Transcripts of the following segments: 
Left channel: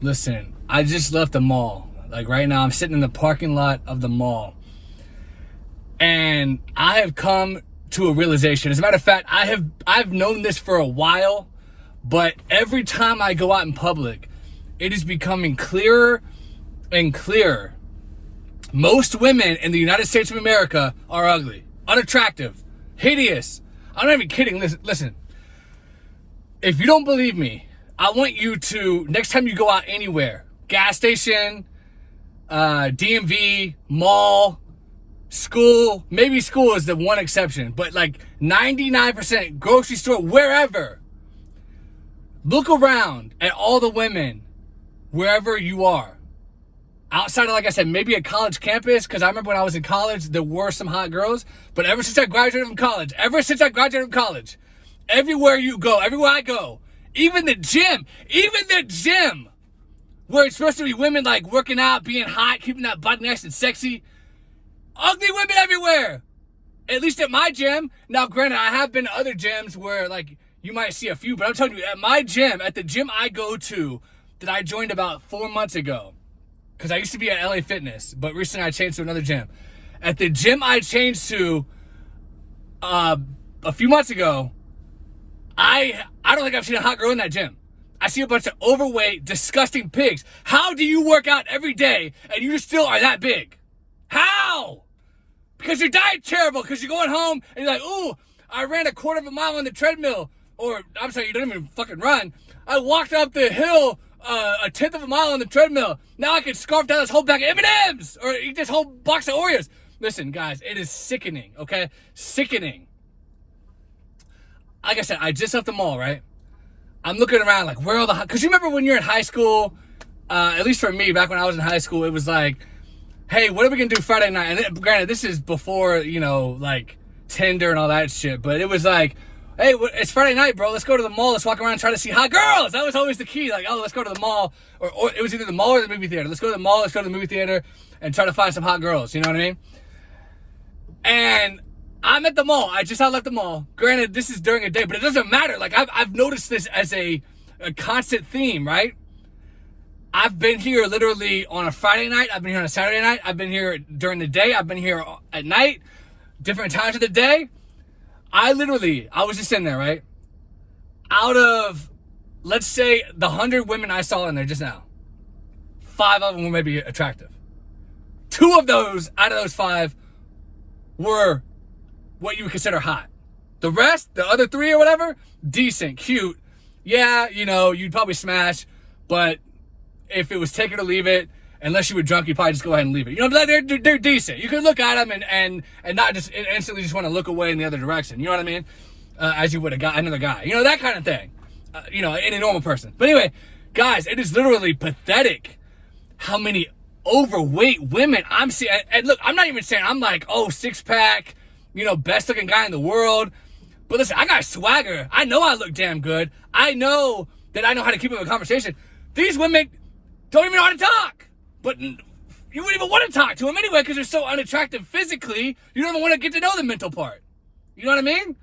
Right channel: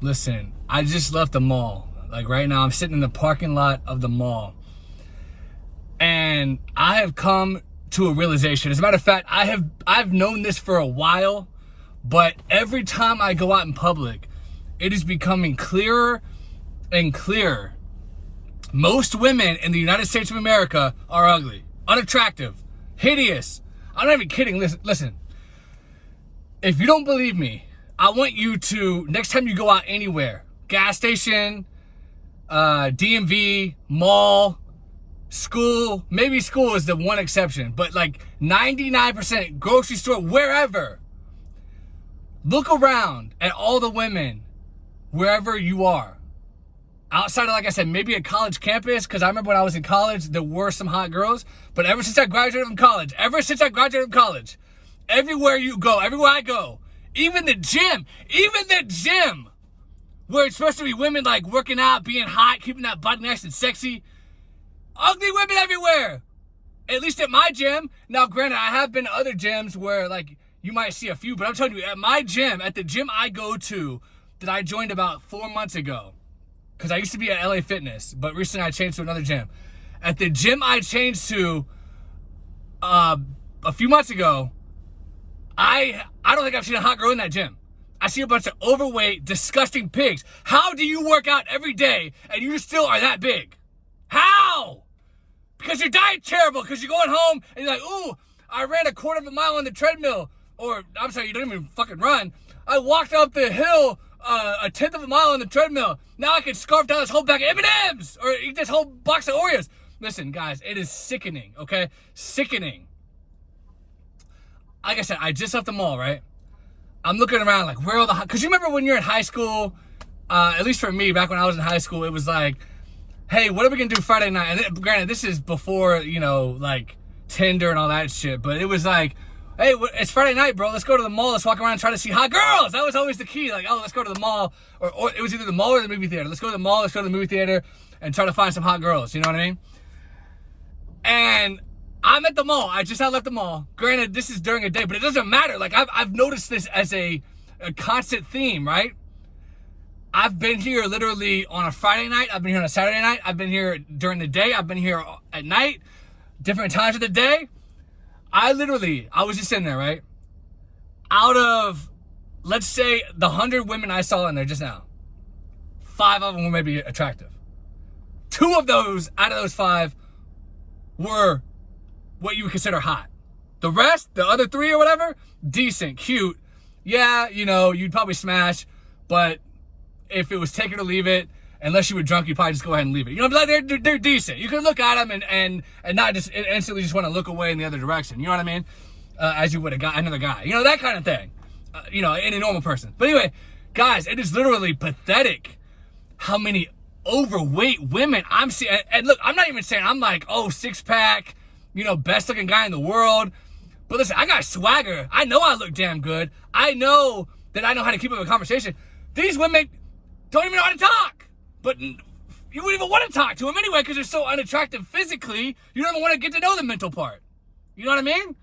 Listen, I just left the mall. Like right now, I'm sitting in the parking lot of the mall. And I have come to a realization. As a matter of fact, I've known this for a while, but every time I go out in public, it is becoming clearer and clearer. Most women in the United States of America are ugly, unattractive, hideous. I'm not even kidding. Listen. If you don't believe me, I want you to, next time you go out anywhere, gas station, DMV, mall, school, maybe school is the one exception, but like 99%, grocery store, wherever, look around at all the women, wherever you are. Outside of, like I said, maybe a college campus, because I remember when I was in college, there were some hot girls, but ever since I graduated from college, everywhere you go, everywhere I go, even the gym, where it's supposed to be women like working out, being hot, keeping that butt nice and sexy, ugly women everywhere. At least at my gym. Now, granted, I have been to other gyms where like you might see a few, but I'm telling you, at my gym, at the gym I go to, that I joined about 4 months ago, because I used to be at LA Fitness, but recently I changed to another gym. At the gym I changed to a few months ago, I don't think I've seen a hot girl in that gym. I see a bunch of overweight, disgusting pigs. How do you work out every day and you still are that big? How? Because your diet's terrible, because you're going home and you're like, ooh, I ran a quarter of a mile on the treadmill. Or, I'm sorry, you don't even fucking run. I walked up the hill a tenth of a mile on the treadmill. Now I can scarf down this whole bag of M&Ms or eat this whole box of Oreos. Listen, guys, it is sickening, okay? Sickening. Like I said, I just left the mall, right? I'm looking around like, where are all the... Because you remember when you're in high school, at least for me, back when I was in high school, it was like, hey, what are we going to do Friday night? And granted, this is before, you know, like Tinder and all that shit. But it was like, hey, it's Friday night, bro. Let's go to the mall. Let's walk around and try to see hot girls. That was always the key. Like, oh, let's go to the mall. Or it was either the mall or the movie theater. Let's go to the mall. Let's go to the movie theater and try to find some hot girls. You know what I mean? And I'm at the mall. I just left the mall. Granted, this is during a day, but it doesn't matter. Like, I've noticed this as a constant theme, right? I've been here literally on a Friday night. I've been here on a Saturday night. I've been here during the day. I've been here at night, different times of the day. I was just sitting there, right? Out of, let's say, the 100 women I saw in there just now, 5 of them were maybe attractive. 2 of those, out of those 5, were what you would consider hot. The rest, the other 3 or whatever, decent, cute. Yeah, you know, you'd probably smash, but if it was take it or leave it, unless you were drunk, you'd probably just go ahead and leave it. You know, but they're decent. You can look at them and not just instantly just want to look away in the other direction. You know what I mean? As you would another guy. You know, that kind of thing. You know, any normal person. But anyway, guys, it is literally pathetic how many overweight women I'm seeing. And look, I'm not even saying I'm like, oh, 6-pack, you know, best looking guy in the world. But listen, I got swagger. I know I look damn good. I know that I know how to keep up a conversation. These women don't even know how to talk. But you wouldn't even want to talk to them anyway because they're so unattractive physically. You don't even want to get to know the mental part. You know what I mean?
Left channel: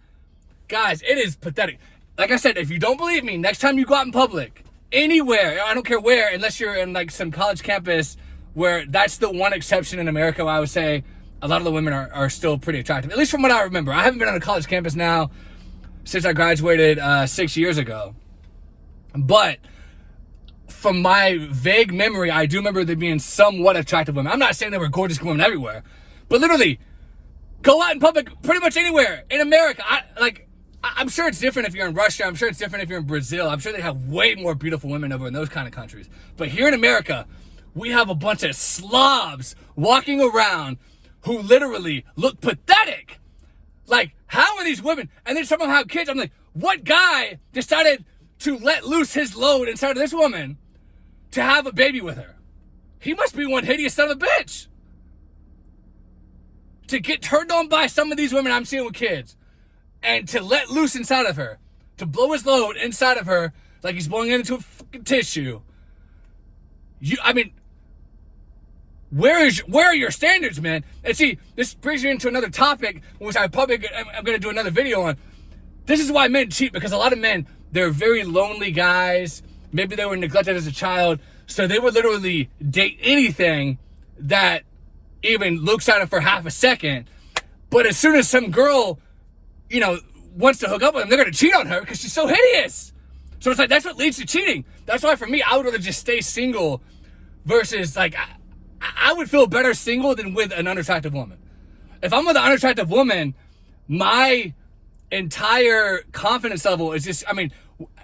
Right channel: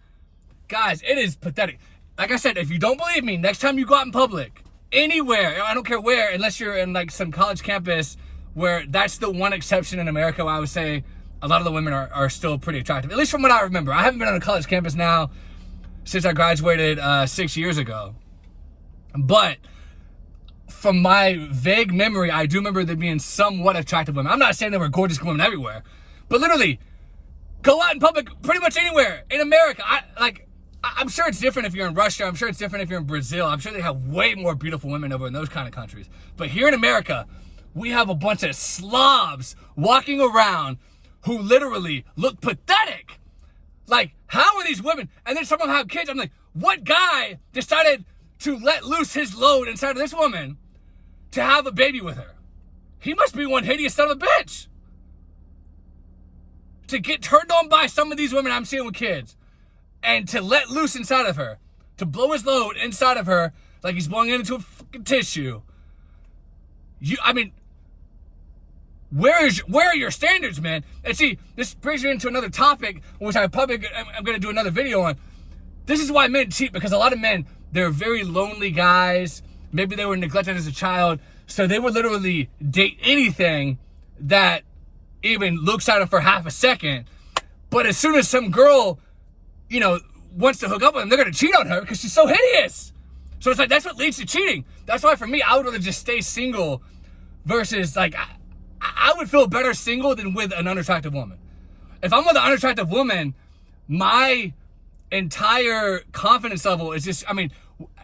Guys, it is pathetic. Like I said, if you don't believe me, next time you go out in public, anywhere, I don't care where, unless you're in like some college campus where that's the one exception in America where I would say a lot of the women are still pretty attractive. At least from what I remember. I haven't been on a college campus now since I graduated 6 years ago. But from my vague memory, I do remember there being somewhat attractive women. I'm not saying there were gorgeous women everywhere, but literally, go out in public pretty much anywhere in America. I'm sure it's different if you're in Russia. I'm sure it's different if you're in Brazil. I'm sure they have way more beautiful women over in those kind of countries. But here in America, we have a bunch of slobs walking around who literally look pathetic. Like, how are these women? And then some of them have kids. I'm like, what guy decided to let loose his load inside of this woman to have a baby with her? He must be one hideous son of a bitch. To get turned on by some of these women I'm seeing with kids and to let loose inside of her, to blow his load inside of her like he's blowing it into a fucking tissue. Where are your standards, man? And see, this brings me into another topic, which I'm going to do another video on. This is why men cheat, because a lot of men, they're very lonely guys. Maybe they were neglected as a child. So they would literally date anything that even looks at them for half a second. But as soon as some girl, you know, wants to hook up with them, they're going to cheat on her because she's so hideous. So it's like, that's what leads to cheating. That's why for me, I would rather just stay single versus like, I would feel better single than with an unattractive woman. If I'm with an unattractive woman, my entire confidence level is just, I mean,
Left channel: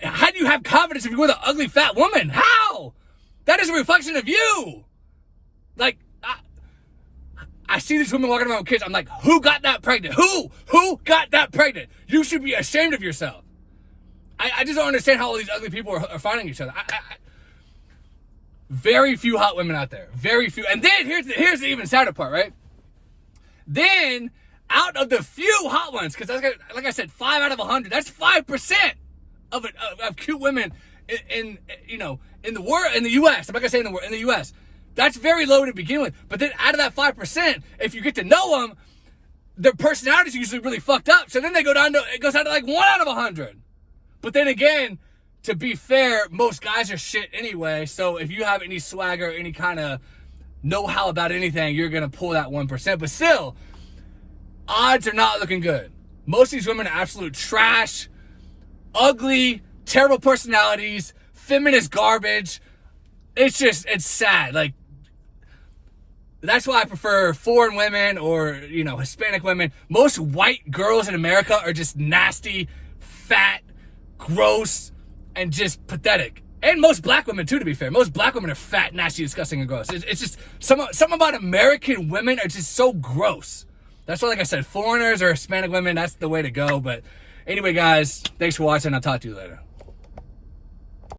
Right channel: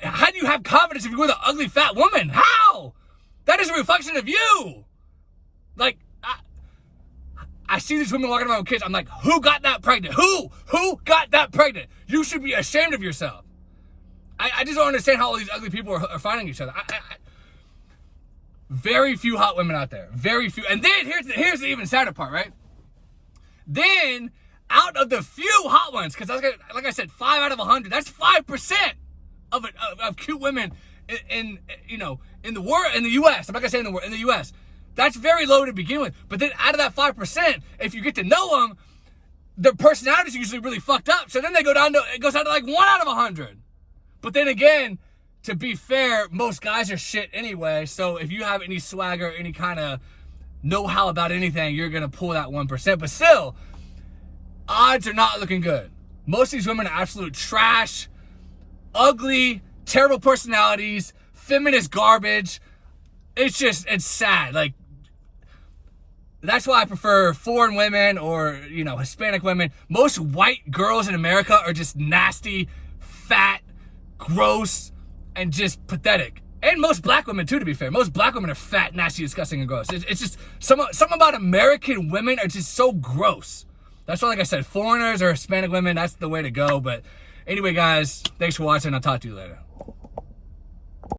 how do you have confidence if you're with an ugly fat woman? How? That is a reflection of you. Like, I see these women walking around with kids. I'm like, who got that pregnant? Who got that pregnant? You should be ashamed of yourself. I just don't understand how all these ugly people are finding each other. Very few hot women out there. Very few. And then here's the even sadder part, right? Then, out of the few hot ones, because like I said, 5 out of 100, that's 5% of cute women in the world, in the U.S. I'm not gonna say in the U.S. That's very low to begin with. But then out of that 5%, if you get to know them, their personalities are usually really fucked up. So then it goes down to like 1 out of 100. But then again, to be fair, most guys are shit anyway. So if you have any swagger, any kind of know-how about anything, you're going to pull that 1%. But still, odds are not looking good. Most of these women are absolute trash, ugly, terrible personalities, feminist garbage. It's sad. Like, that's why I prefer foreign women or, Hispanic women. Most white girls in America are just nasty, fat, gross, and just pathetic. And most black women too, to be fair. Most black women are fat, nasty, disgusting, and gross. It's just something about American women are just so gross. That's why, like I said, foreigners or Hispanic women, that's the way to go. But anyway, guys, thanks for watching. I'll talk to you later.